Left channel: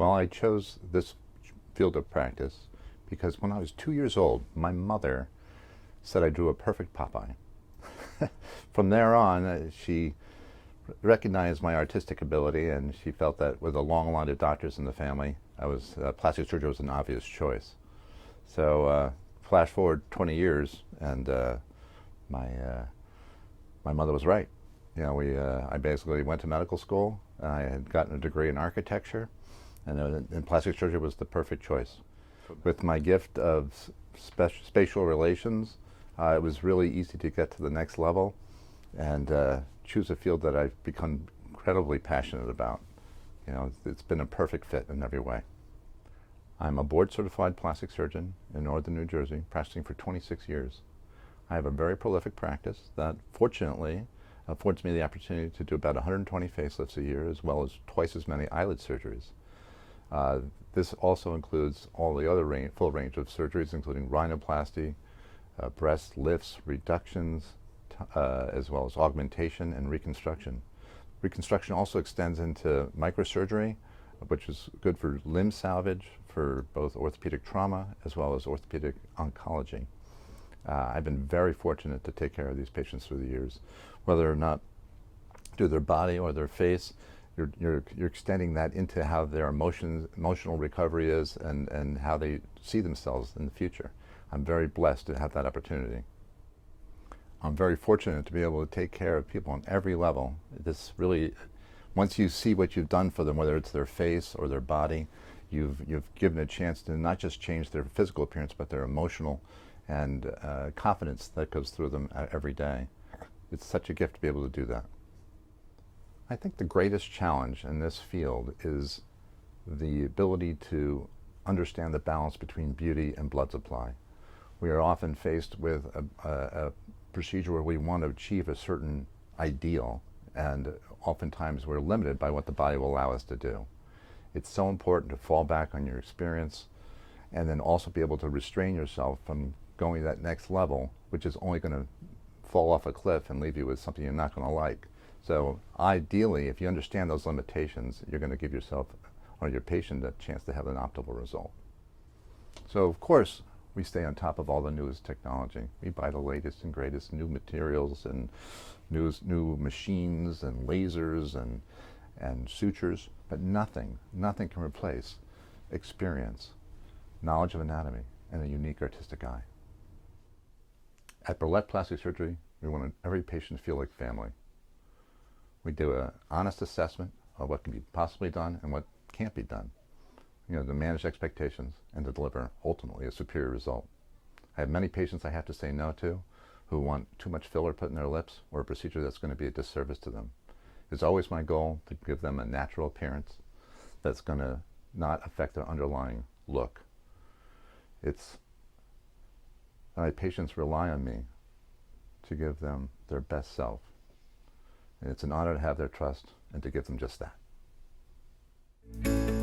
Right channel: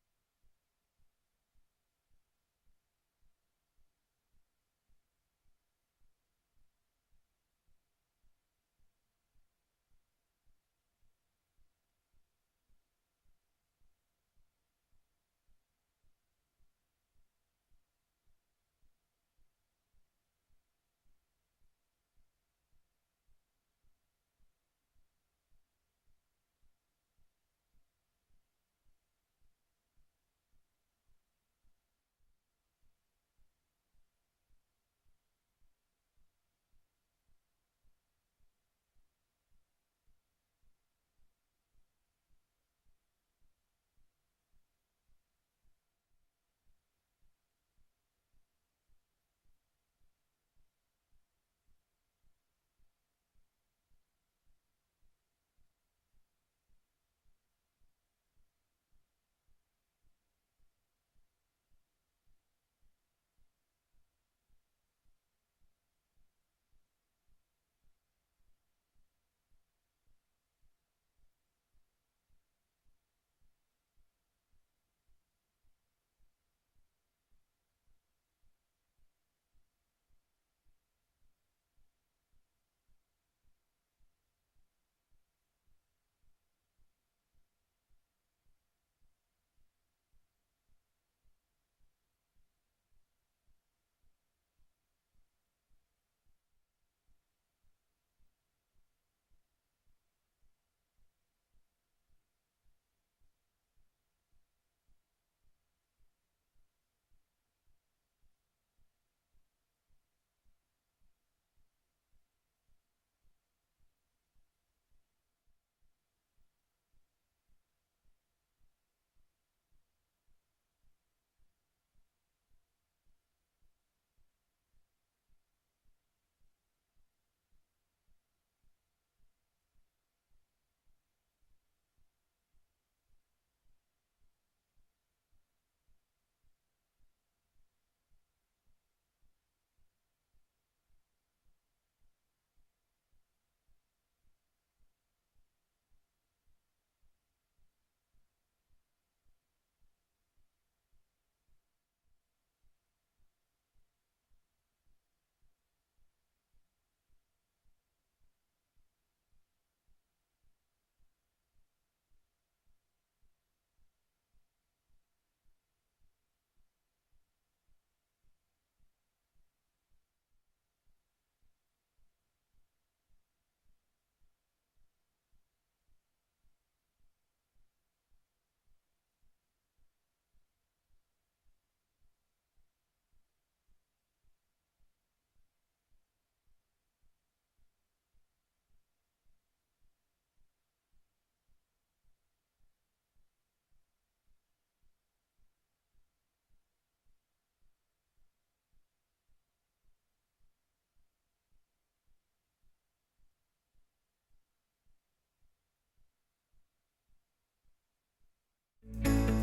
Well, I chose this field of practice because when I was 2 years old, my mother said I drew a perfect Popeye. From there on, she recognized my artistic ability, and she felt that with a long line of doctors in the family, plastic surgery was an obvious choice. So flash forward 20 years, and my my mother was right. I basically went to medical school. I had gotten a degree in architecture, and plastic surgery was the perfect choice. With my gift of spatial relations, it was really easy to get to the next level and choose a field that I've become incredibly passionate about. It's been a perfect fit in every way. I'm a board-certified plastic surgeon in northern New Jersey, practicing for 26 years. I have a very prolific practice that, fortunately, affords me the opportunity to do about 120 facelifts a year, as well as twice as many eyelid surgeries. This also includes all the other full range of surgeries, including rhinoplasty, breast lifts, reductions, as well as augmentation and reconstruction. Reconstruction also extends into microsurgery, which is good for limb salvage, for both orthopedic trauma as well as orthopedic oncology. I've been very fortunate to take care of these patients through the years. Whether or not through their body or their face, you're extending that into how their emotional recovery is and how they see themselves in the future. I'm very blessed to have that opportunity. I'm very fortunate to be able to take care of people on every level. This really, once you see what you've done for them, whether it's their face or their body, you've given a chance to not just change their physical appearance, but their emotional and confidence that goes through them every day. It's such a gift to be able to do that. I think the greatest challenge in this field is the ability to understand the balance between beauty and blood supply. We are often faced with a procedure where we want to achieve a certain ideal, and oftentimes we're limited by what the body will allow us to do. It's so important to fall back on your experience and then also be able to restrain yourself from going to that next level, which is only going to fall off a cliff and leave you with something you're not going to like. So ideally, if you understand those limitations, you're going to give yourself or your patient a chance to have an optimal result. So of course, we stay on top of all the newest technology. We buy the latest and greatest new materials and new machines and lasers and sutures, but nothing can replace experience, knowledge of anatomy, and a unique artistic eye. At Berlet Plastic Surgery, we want every patient to feel like family. We do an honest assessment of what can be possibly done and what can't be done, to manage expectations and to deliver, ultimately, a superior result. I have many patients I have to say no to who want too much filler put in their lips or a procedure that's going to be a disservice to them. It's always my goal to give them a natural appearance that's going to not affect their underlying look. My patients rely on me to give them their best self. And it's an honor to have their trust and to give them just that.